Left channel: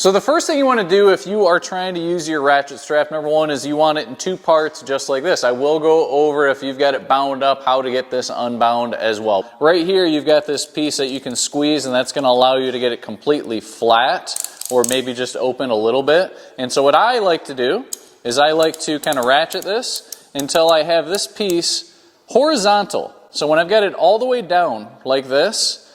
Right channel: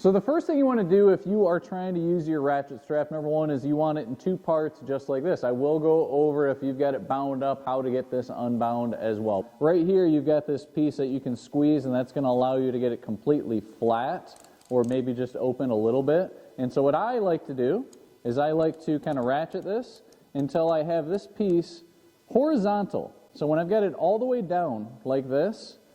So the first thing you want to do if you are trying to use your ratchet strap, number one, is you want it in two parts just like this. I will go over, if you've got it bound up, how to get this unbound as well. Right here you've got this piece that you can squeeze, and that's going to allow you to get it completely flat or maybe just open a little bit. And so what I like to do is I like to kind of ratchet this until I have this piece horizontal. So when I've got it all the way down like this,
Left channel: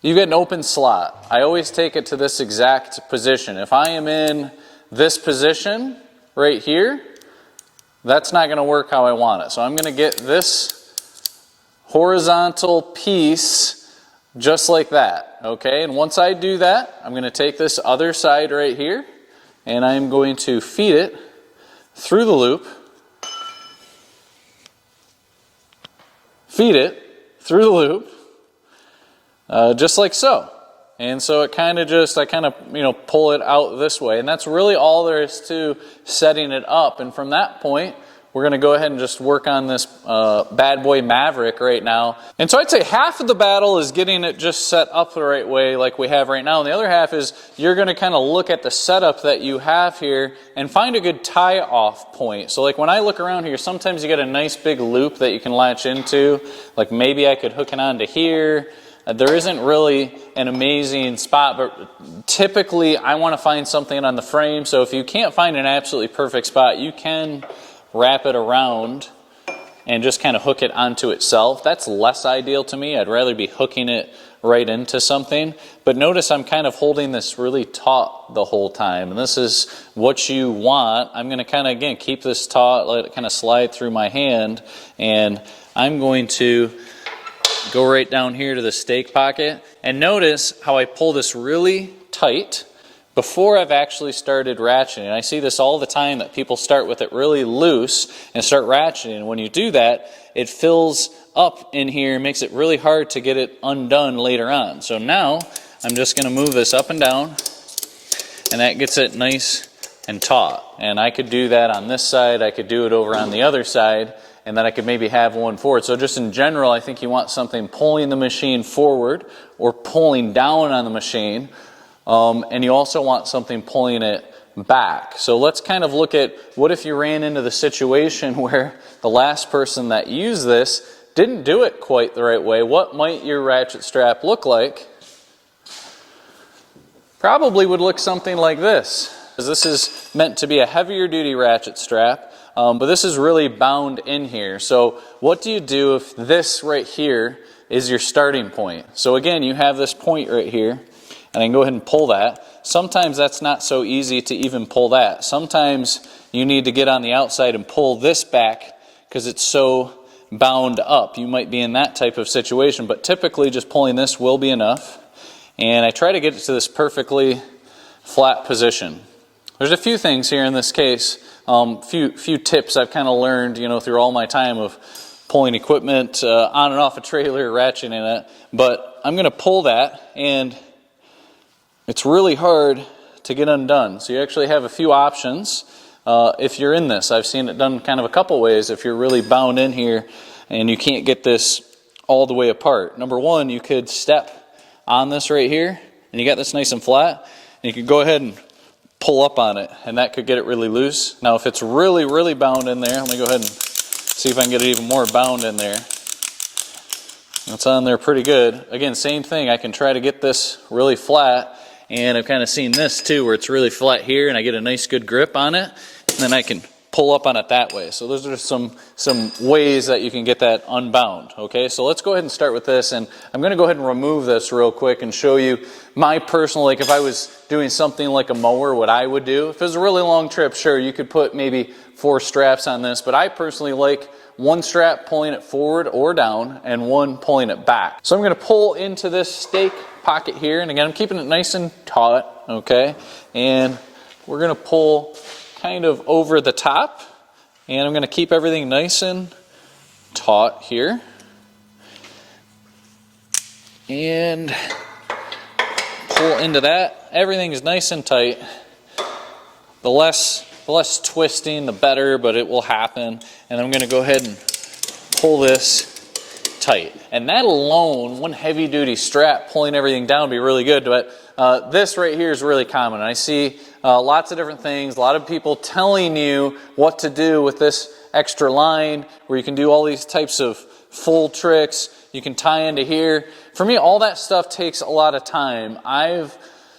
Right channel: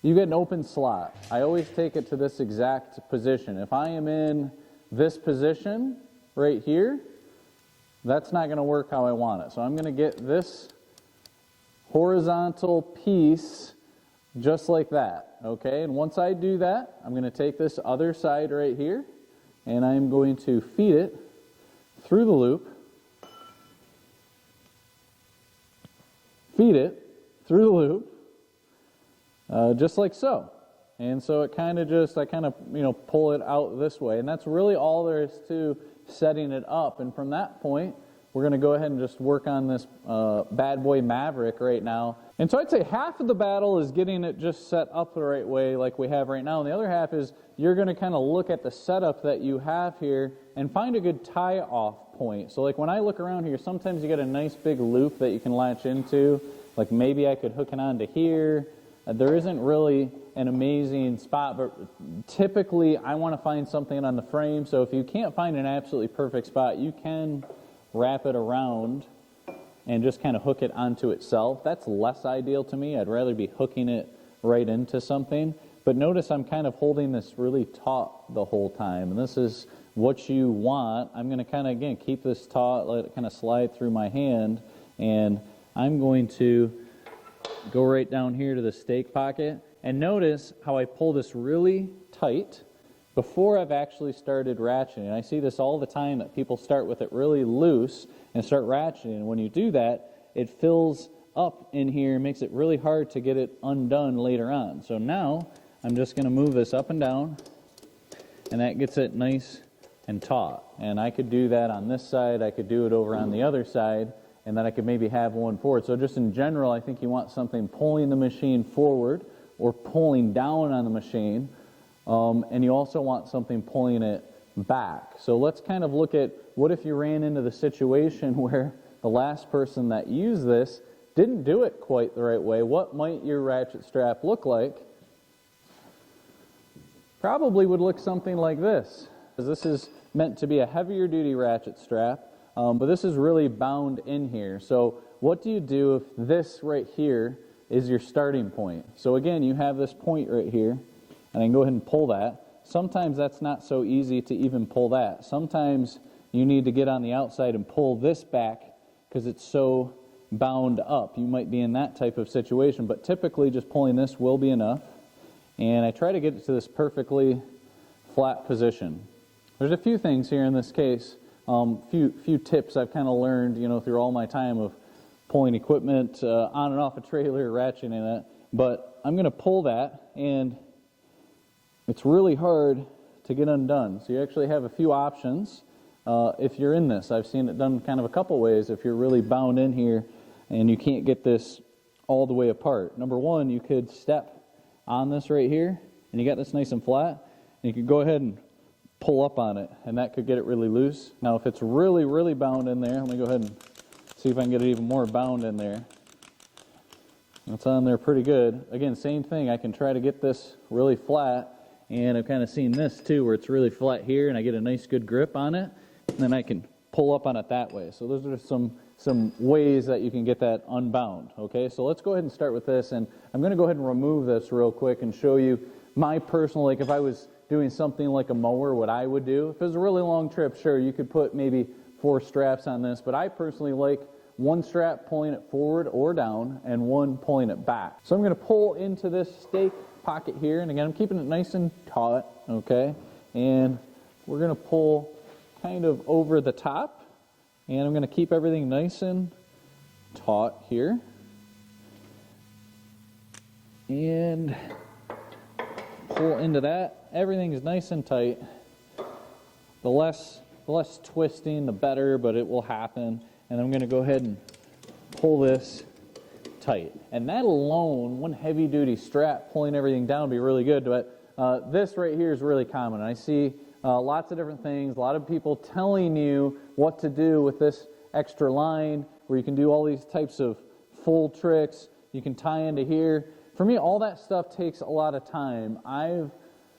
you get an open slot. I always take it to this exact position. If I am in this position right here, that's not going to work how I want it. So I'm going to get this horizontal piece just like that. Okay, and once I do that, I'm going to take this other side right here and I'm going to feed it through the loop. Feed it through the loop. Just like so. And so it kind of just, I kind of, pull it out this way. And that's really all there is to setting it up. And from that point, we're going to go ahead and just work on this bad boy Maverick right now. And so I'd say half of the battle is getting it just set up the right way like we have right now. And the other half is you're going to kind of look at the setup that you have here and find a good tie-off point. So like when I look around here, sometimes you get a nice big loop that you can latch into. Like maybe I could hook it onto here. There isn't really an amazing spot, but typically I want to find something on the frame. So if you can't find an absolutely perfect spot, you can wrap it around and just kind of hook it onto itself. That's less ideal to me. I'd rather be hooking it right into something. But notice I'm kind of holding this really taut the whole time. And this is what you want. I'm going to kind of, again, keep this taut, let it kind of slide through my hand. And I'm going to go right down here to the stake pocket. And notice how I pull this really tight before I've actually started ratcheting. I see this all the time, that people start with it really loose and start ratcheting. And when you do that, it fills up in here and makes it really hard to get it undone later on. So now I'm just going to move this up and down, and that gets it nice and taut. And I could do that on this side, I could do it over on the other side, and then I could maybe have one forward. So just in general, I think you want something pulling the machine forward or pulling down on the machine. And you also want something pulling it back. So let's kind of look at, what if you ran into the situation where the last person that used this didn't do it quite the right way? What might your ratchet strap look like? Probably would look something like this. This is meant to be a heavier duty ratchet strap, but this is really bound in here. So what do you do if this right here is your starting point? So again, you have this point right here, and I can go ahead and pull that. Sometimes that's not so easy to even pull that. Sometimes you need to get on the outside and pull this back because it's so bound up. You might be in that type of situation, but typically just pulling this will be enough. And I try to get it to this perfectly flat position. There's a few things here in this case, few tips I've kind of learned, through all my time of pulling equipment on and off a trailer, ratcheting it. But I'm going to pull that, and it's really hard to get undone. So you actually have a few options if you're in this. I've seen it done kind of a couple ways if you're really bound in here and you can't get this all the way apart. Number one, you could step on this right here, and you got this nice and flat, and you could go ahead and pull up on it, and that could get it really loose. Now if it's really, really bound in there, let me go ahead and see if I can get it even more bound in there. It's on there pretty good. Again, same thing, I can try to get this really flat. And I've kind of seen this too, where it's really flat here and I get a nice good grip on it, and then I can pull up on it that way. So those are some ways that you can get that unbound. Okay, so let's go ahead and start with this, and I'm going to go ahead and remove this real quick and show you my personal, like if I was doing something like a mower, what I would do. If it was a really long trip, sure, you could put maybe 4 straps on this, but I personally like one strap pulling it forward or down and one pulling it back. So I'm going to pull into this stake pocket here, and again I'm keeping it nice and taut, okay, and we're going to pull kind of over the top, and I'm going to keep everything nice and taut here, and pull into that. Everything is nice and tight. The less twisting the better, but it will happen. And I'm going to go ahead and pull this tight. And that alone, one heavy duty strap pulling everything down would be really good, but this right here is really common. I see lots of different things, a lot of people telling you what to do with this extra line, where you can do all these types of full tricks, you can tie into here. For me, all that stuff takes a lot of time. I've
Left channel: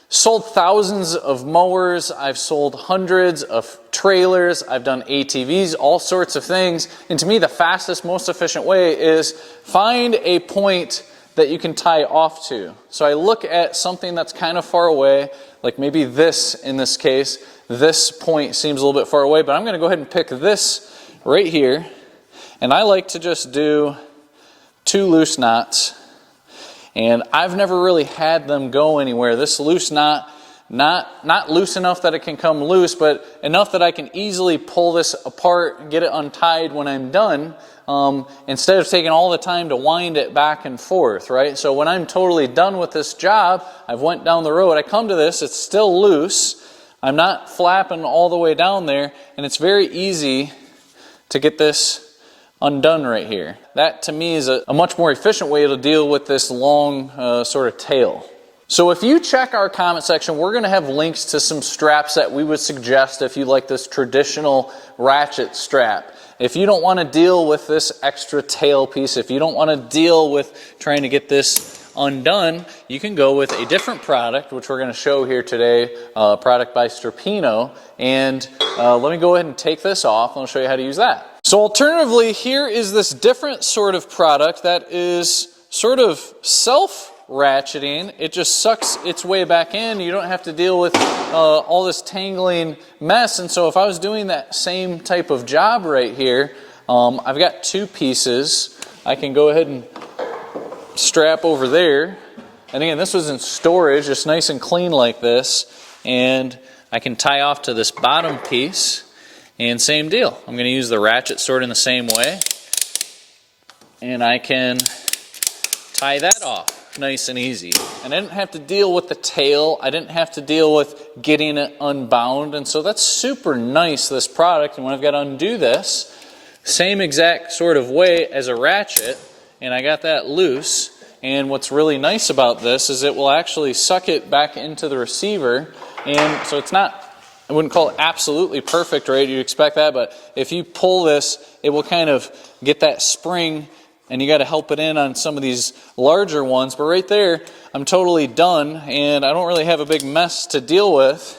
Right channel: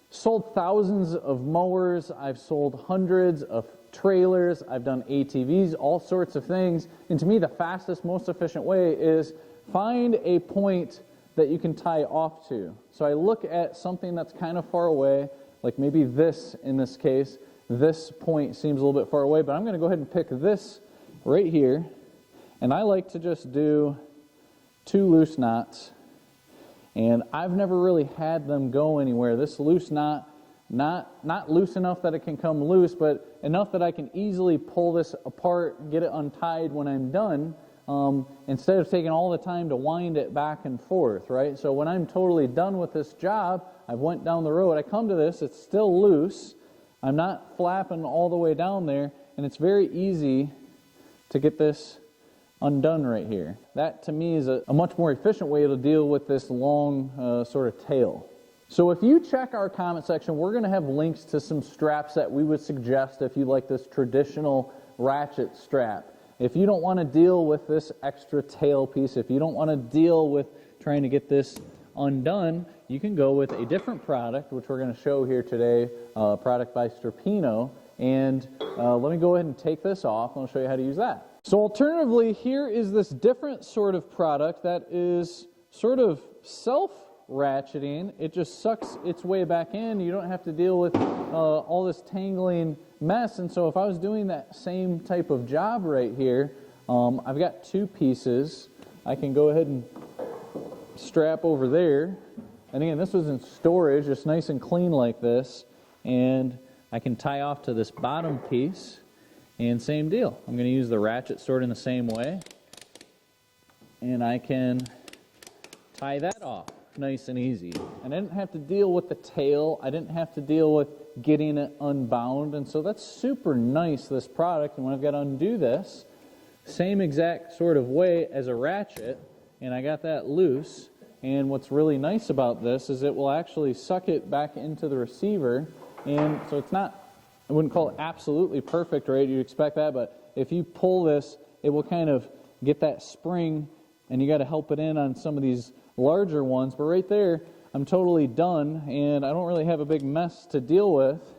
sold thousands of mowers, I've sold hundreds of trailers, I've done ATVs, all sorts of things. And to me, the fastest, most efficient way is find a point that you can tie off to. So I look at something that's kind of far away, like maybe this in this case. This point seems a little bit far away, but I'm going to go ahead and pick this right here. And I like to just do 2 loose knots. And I've never really had them go anywhere. This loose knot, not loose enough that it can come loose, but enough that I can easily pull this apart and get it untied when I'm done, instead of taking all the time to wind it back and forth, right? So when I'm totally done with this job, I've went down the road, I come to this, it's still loose, I'm not flapping all the way down there, and it's very easy to get this undone right here. That to me is a much more efficient way to deal with this long sort of tail. So if you check our comment section, we're going to have links to some straps that we would suggest if you like this traditional ratchet strap. If you don't want to deal with this extra tail piece, if you don't want to deal with trying to get this undone, you can go with a different product, which we're going to show here today, a product by Strapino. And let me go ahead and take this off and I'll show you how to use that. So alternatively, here is this different sort of product that is sort of self-ratcheting. It just sucks its way back in. You don't have to deal with all this tangling mess. And so if I was doing that same type of job right here, I've got 2 pieces. I can go ahead and strap over there. And again, this was in storage, just nice and clean like this. And I can tie off to this bottom piece. And same deal. I'm going to use the ratchet sort in the same way. And I can tie that off nice and easy. And I didn't have to deal with the tail. I didn't have to deal with getting it unbound. And so that's super nice, this product. And when I've got to undo this, same exact sort of way as a ratchet. And I got that loose. And what's really nice about this is it will actually suck it back into the receiver. And so it's not, I wouldn't call it absolutely perfect, right? You'd expect that, but if you pull this, it will kind of get that spring, and you got to help it in on some of these larger ones. But right there, I'm totally done, and I don't really have a big mess to deal with.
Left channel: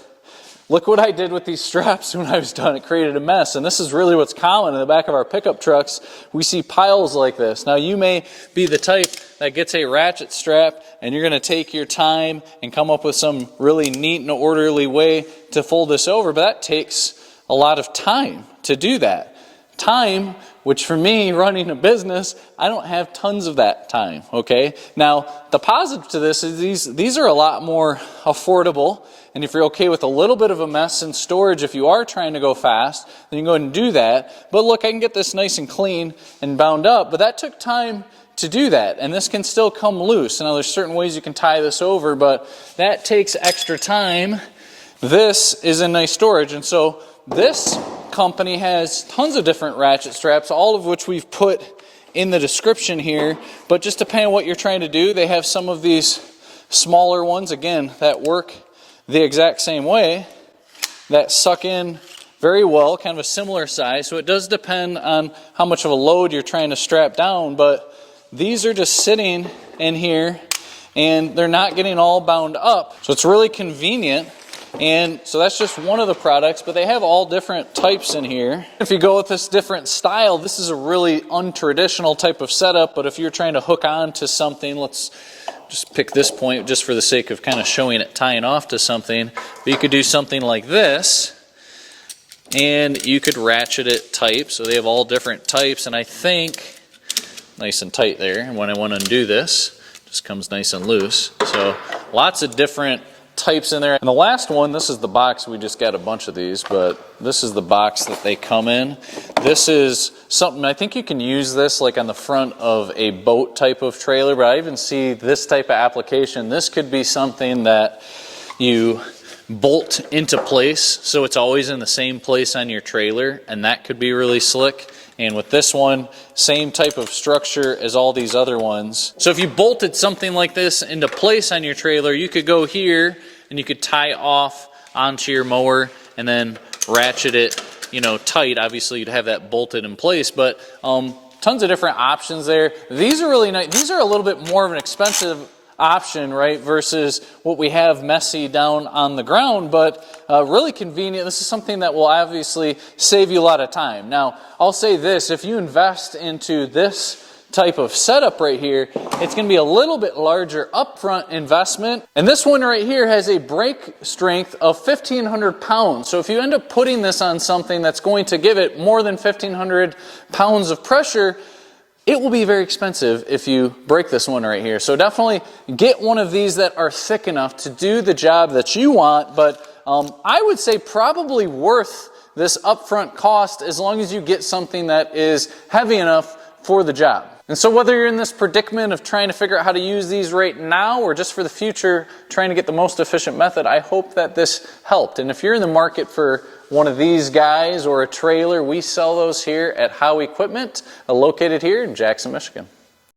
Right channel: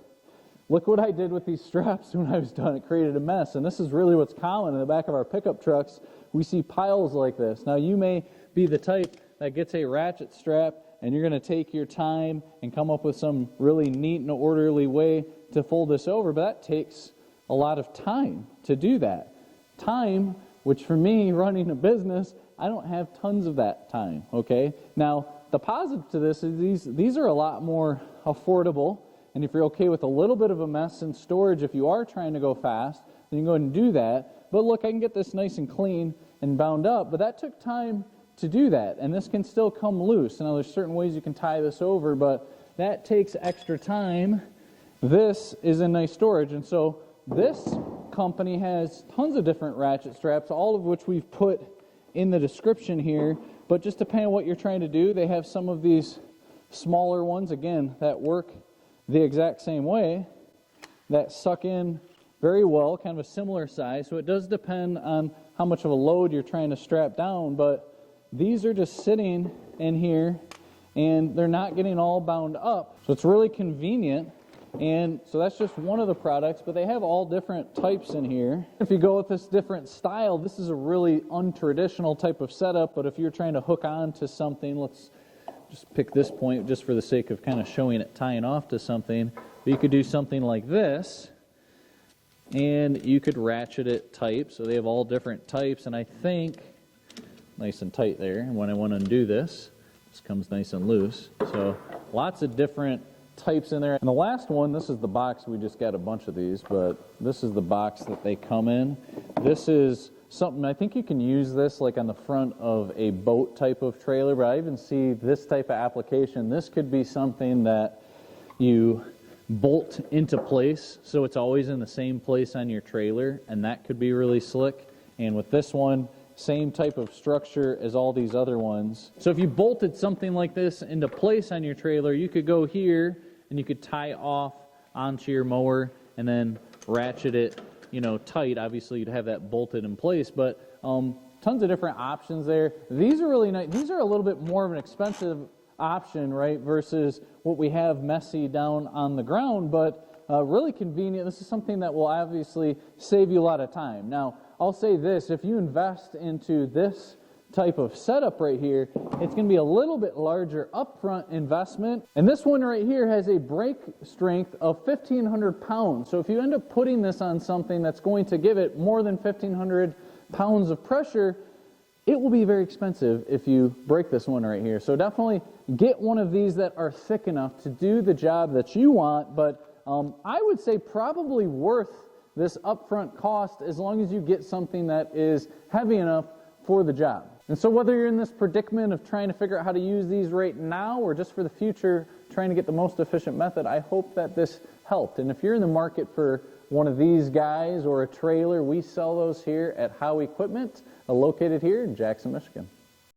Look what I did with these straps when I was done. It created a mess, and this is really what's common in the back of our pickup trucks. We see piles like this. Now, you may be the type that gets a ratchet strap, and you're going to take your time and come up with some really neat and orderly way to fold this over, but that takes a lot of time to do that. Time, which for me, running a business, I don't have tons of that time, okay? Now, the positive to this is these are a lot more affordable. And if you're okay with a little bit of a mess in storage, if you are trying to go fast, then you can go ahead and do that. But look, I can get this nice and clean and bound up, but that took time to do that. And this can still come loose. Now, there's certain ways you can tie this over, but that takes extra time. This is in nice storage. And so this company has tons of different ratchet straps, all of which we've put in the description here. But just depending on what you're trying to do, they have some of these smaller ones, again, that work the exact same way, that suck in very well, kind of a similar size. So it does depend on how much of a load you're trying to strap down, but these are just sitting in here and they're not getting all bound up. So it's really convenient. And so that's just one of the products, but they have all different types in here. If you go with this different style, this is a really untraditional type of setup, but if you're trying to hook on to something, let's just pick this point just for the sake of kind of showing it tying off to something. But you could do something like this, and you could ratchet it tight. So they have all different types, and I think nice and tight there. And when I want to undo this, it just comes nice and loose. So lots of different types in there. And the last one, this is the box. We just got a bunch of these, but this is the box that they come in. This is something, I think you can use this like on the front of a boat type of trailer, but I even see this type of application. This could be something that you bolt into place so it's always in the same place on your trailer, and that could be really slick. And with this one, same type of structure as all these other ones. So if you bolted something like this into place on your trailer, you could go here and you could tie off onto your mower and then ratchet it, you know, tight. Obviously you'd have that bolted in place, but tons of different options there. These are really nice. These are a little bit more of an expensive option, right, versus what we have messy down on the ground, but really convenient. This is something that will obviously save you a lot of time. Now, I'll say this, if you invest into this type of setup right here, it's going to be a little bit larger upfront investment. And this one right here has a brake strength of 1,500 pounds. So if you end up putting this on something that's going to give it more than 1,500 pounds of pressure, it will be very expensive if you break this one right here. So definitely get one of these that are thick enough to do the job that you want, but I would say probably worth this upfront cost as long as you get something that is heavy enough for the job. And so whether you're in this predicament of trying to figure out how to use these right now or just for the future trying to get the most efficient method, I hope that this helped. And if you're in the market for one of these guys or a trailer, we sell those here at Howe Equipment, located here in Jackson, Michigan.